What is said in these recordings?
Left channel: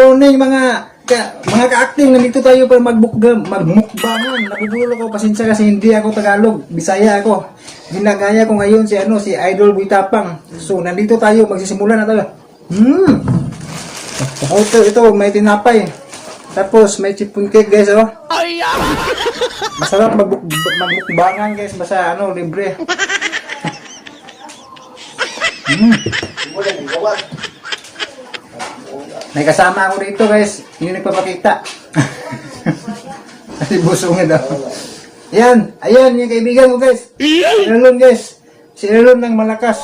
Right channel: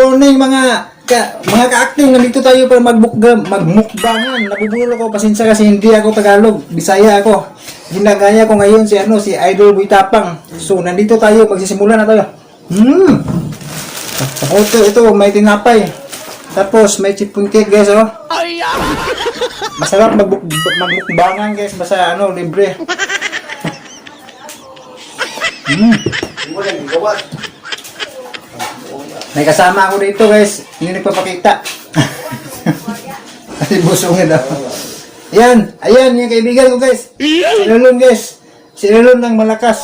morning mga ka-acting, nandito tayo para magmukbangan. Nagugulo ko, pasensya kasi hindi ako Tagalog, Bisaya ako. Ginagaya ko ngayon si Idol Boy Tapang. So nandito tayo, magsisimula na tayo. Ito, may tinapay. Tapos may chipon cake guys, oh. Masarap magmukbangan guys, basta libre. May kasama ako dito guys, hindi nagpapakita. Ay, busong na daw. Ayan yung kaibigan ko guys. Si Lulon guys. Si Lulon ng malakas.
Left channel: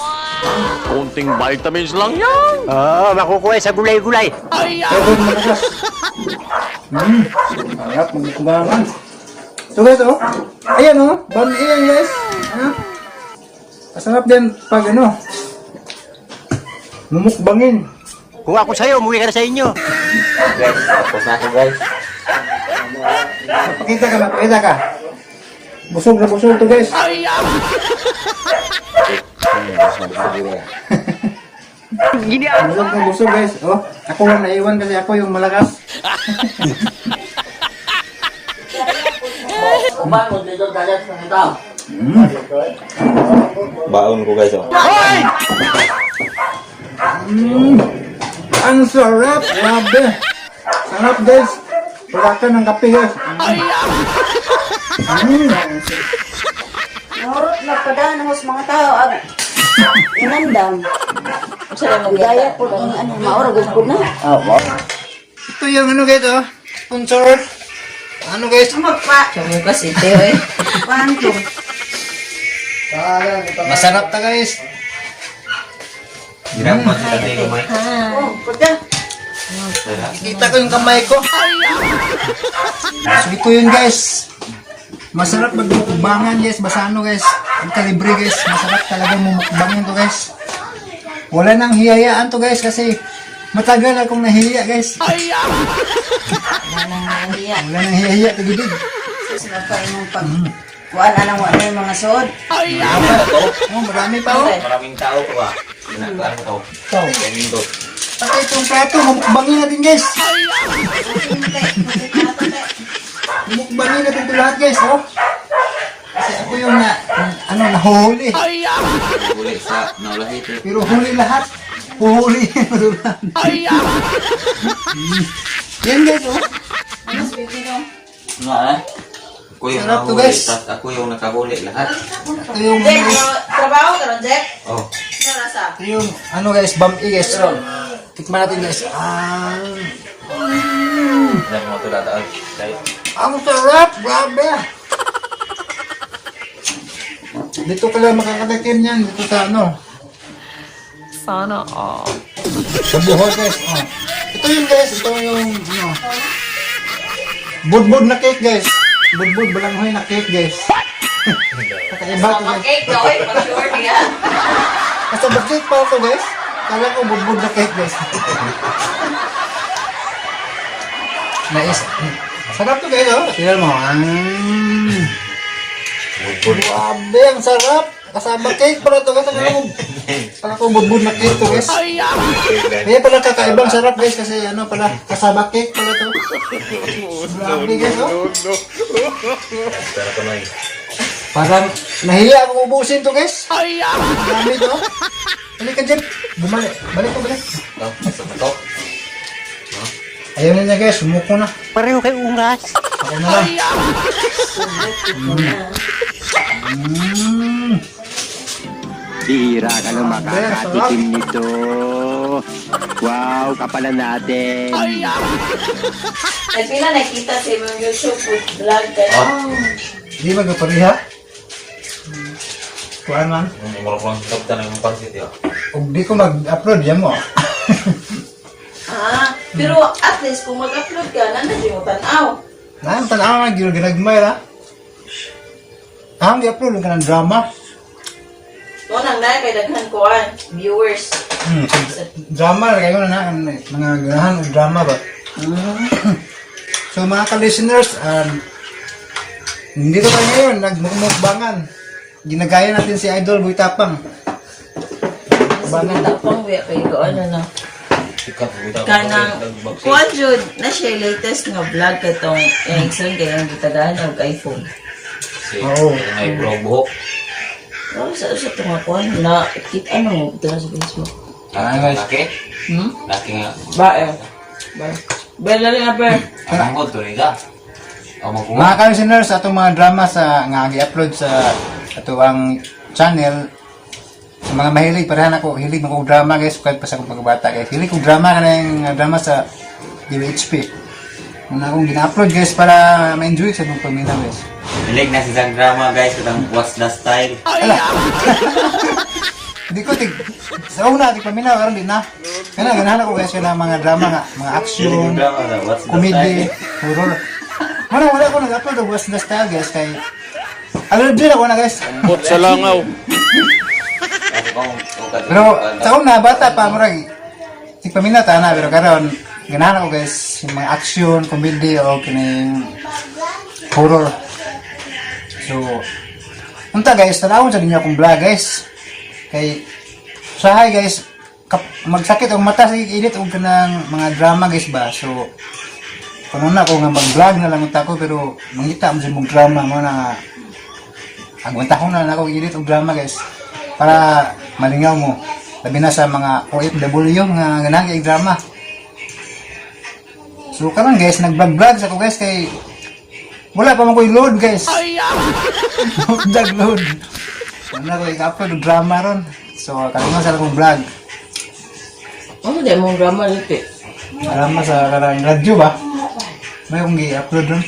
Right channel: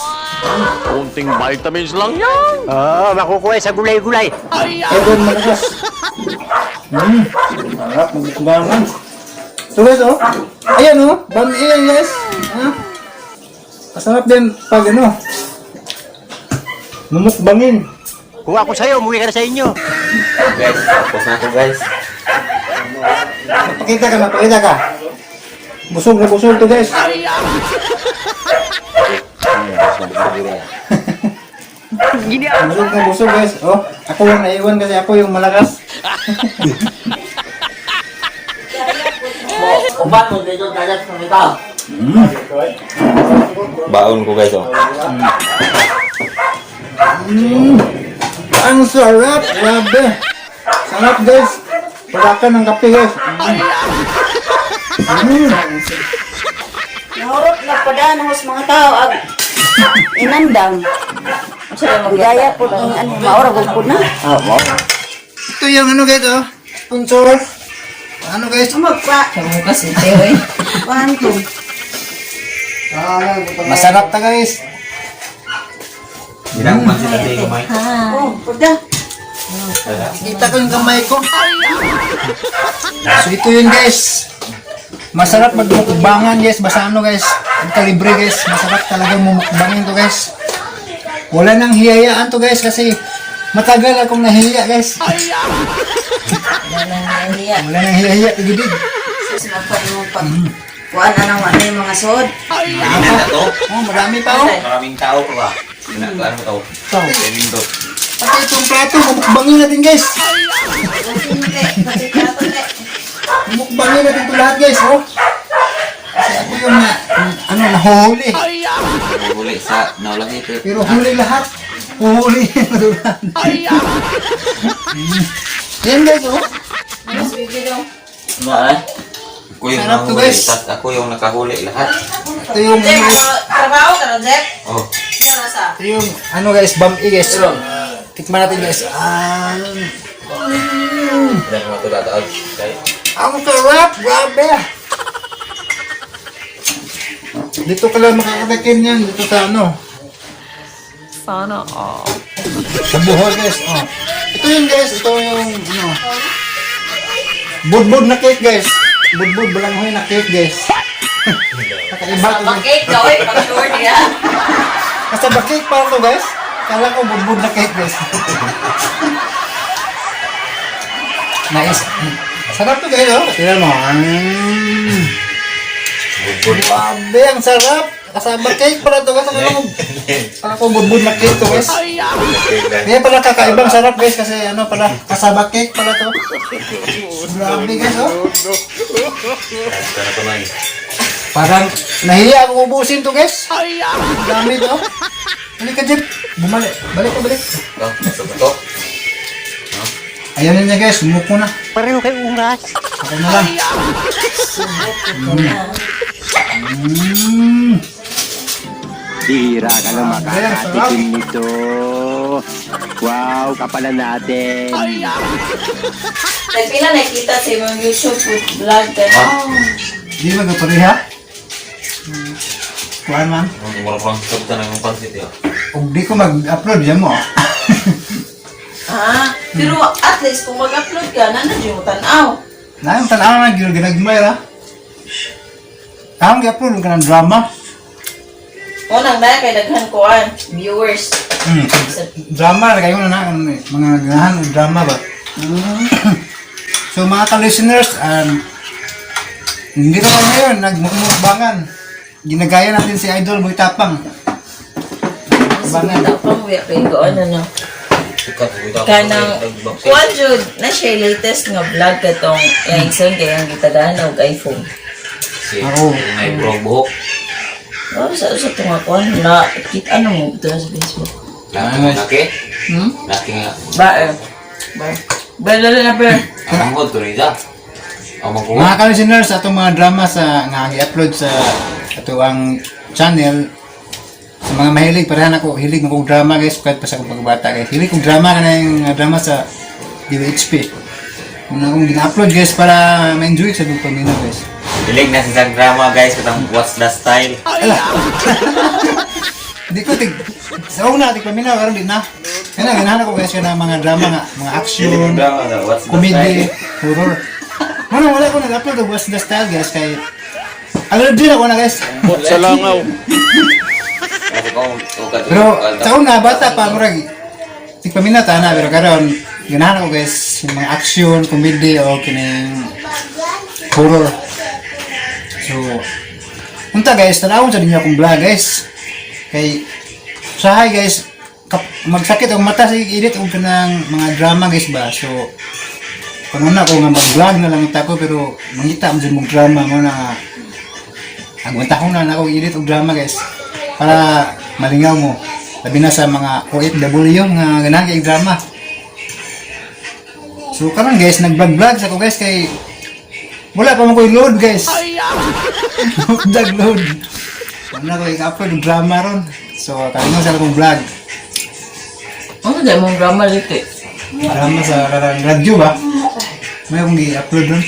Konting vitamins lang yan. Makukuha sa gulay-gulay. Lulon malakas. Sarap, magkubangan. So guys, oh. Ayan, oh. Bami yan guys. Masarap din pag mumukbangin. Kung ako sa'yo, umuwi ka na sa inyo. Guys, tapos na ako guys. Pakita ka. Busog na busog to guys. Busog na busog guys. Oh, ako yung naiwan kasi ako yung malakas. Uban mo dito dagat ng ito. Baon ko guys, oh. Ang sarap! Grabe! Sarap guys! Wala ka ng kape guys! Nahurot na pada ng mga tao ang inandang. Budaya po ng maurag po na. Ito yung guys, oh! Sponsor! Guys? Magpa. Kamu kasi tiyo eh. Manto. Masarap ta guys! Hindi ako pansin natin yung mic. Oh, pada. Kita ko yung kamay ko! So ito yun guys! Masarap magmukbangan guys! Basta guys! Ito libre guys! Masarap talaga mumukbangin to guys! Wala nang hiyayaan to guys kasi matagal akong nahiya guys! Wala nang nahiya. Wala nang hiyaya! Tigibig! Sis, magpa yung pag... Kuan anang wala yung mga sod. Oh, marami pa oh! Maraming tao ko ba? Naglaan mo tao. Sa window. Pati itong plato, mumukbangin natin guys! Mumukbangin natin ito lahat guys, no? Kasi ako yung nahuli. Huli sa naulangit. Pero huli lahat. Huhuli. Yan guys, oh. Nga eh. Ako yung Sarap to, nahuli. guys. Tapos ako yung nakahuli lahat. Ito yung guys. Trabaho ka na, Jack? Oh. Ito yung guys, bami guys. Tikman natin guys. Hindi mo ito dataon. Ang sarap, grabe. Dito ka lang makakatakin yan. Dito sa Sana all. sa buhol guys. Oh. Ito yun guys. Ito yung budbud na cake guys. Budbud balanghoy na cake guys. Kakaiba to guys. Cake daw eh, pag-sure niya. Basta ba cake pa ito guys? Kala ko budbud na cake guys. Nice. Sarap to guys, oh. Tingnan mo. Grabe, ang sarap. Kasama cake pala to. Kala ko budbud na cake to guys. Kaya pala kakaibang sarap guys kasi pala kasama cake pala to. Grabe guys, oh. Sana pa man. Parang nahiya akong ubusin to guys. Dami to. Balik ka Jim. Balik. Ito, gusto mo ito? Ayaw niya guys, sumuko na. Pareho kay ungas. Ako na lang. Bihira ka lang makakatikim nito. Wow, kapalan natin. Dahil pila nakita sa mga YouTube vlog ka na. Di magkapareha? Kuhaan man. Walang sabta na yung pansit yun. Kung di ko mag-upload, yan mo. Pero at least kung mag-upload ka, nandiyo mo tanaw. Nang tanaw na ginagmay ra. Ang gi-upload ka ng drama. Unang dahil kay daghan ko viewers. Drama, kayo na mga ganahan ng drama ba? So mga ka-listeners, hindi naman ngayon, nagmukbangan. Ginagaya natin si Idol Boy Tapang. Bangan. Tapang, wait, ko ano. Sikat ko ito. Kanang kuan jud na siya latest nga vlog katong Engson kaya ang gitagaan og iPhone. Oo. May brong buhok. Sa to nga kuan na ano mo dito sa Facebook. Laki. Laki nga. Ba ba. Balala na pa. Ang hod to nila. Ang magkuha. Mga ka-listeners, atong mga drama sa nga i-upload sa ato ang channel. Sa mga mahilig, parahan ako, hilig mo kong drama guys, kahit pa sa akong pagbata guys. Hilig kong drama ka na yung drama sa DWHP. Muna akong gina-upload guys para ma-enjoy sa kong paminaw guys. Hiling na sa drama guys katang What's the Style. Hindi ko sa una, tig paminaw, karon din na. Kaya ganahan ko guys yung mga drama nga, mga action, comedy, horror. Wala ko nag-upload ng What's the Style guys, kay already din ako na guys. Bot sa langaw. Pero sa una, bata pa, murag tigpaminata na, pero karon ganahan ako guys, yung mga action, comedy, o kining horror. So, unta guys, tanawon sa ninyo akong vlog guys. Kay, sahay guys, magsakit ang mata sa edit o kanang mga drama guys ba. So, kung una ko nga mag-vlog na lang ito ko, pero mangita mo sa mong drama mo na agwantahon na ako edit o drama guys. Para malingaw mo. Labi na sa mga OFW nga ganahan yung drama. So karon guys, nag-vlog ako guys kay wala pa mo ko load guys. Nag-load. Ano ko i-upload yung drama ron. So kalingaw sa akong vlog. Ano dahil mong drama liti? Drama sa radyo ba? May akong i-upload ron.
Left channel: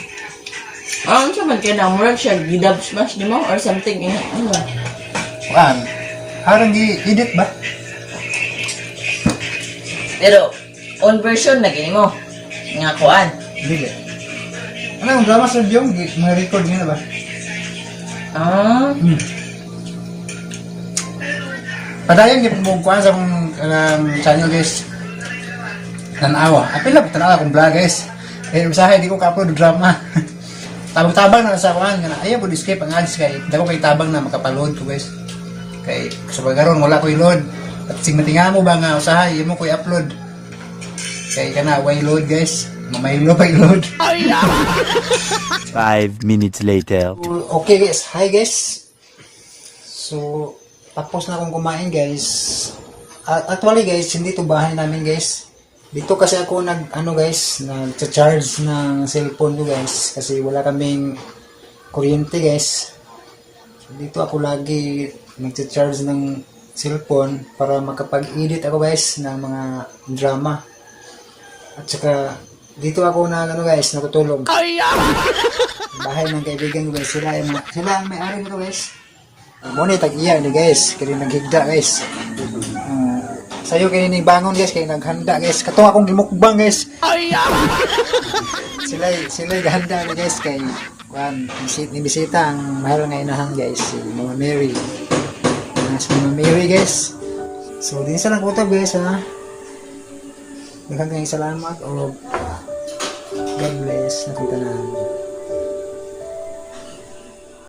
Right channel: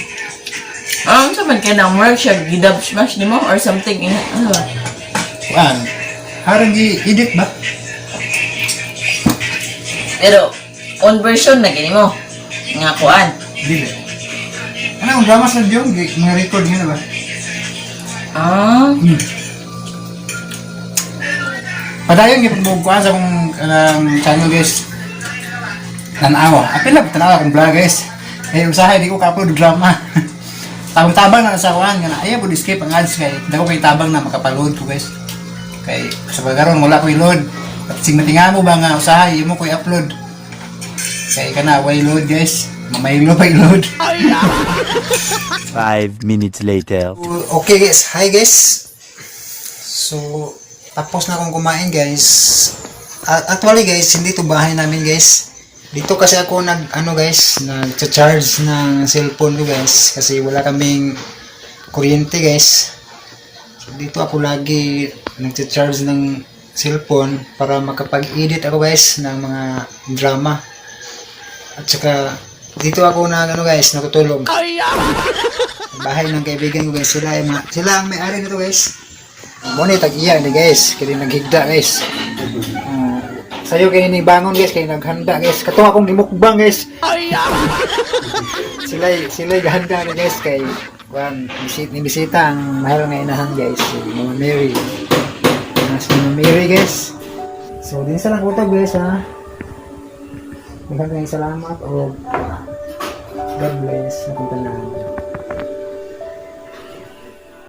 Ano sa man kaya ng work siya gidab smash ni mo or something ano ba? Harang i-edit ba? Pero on version na gini mo. Nga kuan. Hindi ba? Ano yung drama sa radyo? Mga record nga ba? Padayon yung pagbubukuan sa akong channel guys. Tanawa. Apil na tanawa akong vlog guys. Eh usahay di ko ka-upload drama. Tabang-tabang na sa kuan nga ayaw po escape ang ads kay dako kay tabang na makapaload ko guys. Kay sa pagkaron wala ko i-load. At sing matinga mo ba nga usahay imo ko i-upload. Kay kana wala i-load guys. Mamaylo pa i-load. 5 minutes later. Okay guys, hi guys. So tapos na akong kumain guys. Actually guys, hindi to bahay namin guys. Dito kasi ako nag-charge ng cellphone ko guys kasi wala kaming kuryente guys. So, dito ako lagi nag-charge ng cellphone para makapag-edit ako guys ng mga drama. At saka dito ako guys, natutulog. Bahay ng kaibigan ko guys, sila ang may-ari nito guys. Muna tag-iya ni guys, kaya naghigda guys. Sayo kayo bangon guys, kayo naghanda guys. Katong akong gimukbang guys. Sila gahanda guys kay bisita ang mahal nga inahan guys. Si Mama Mary. Si Mama Mary guys. So din sa nakutab guys ha. Daghang kayong salamat o God bless. Nakita na.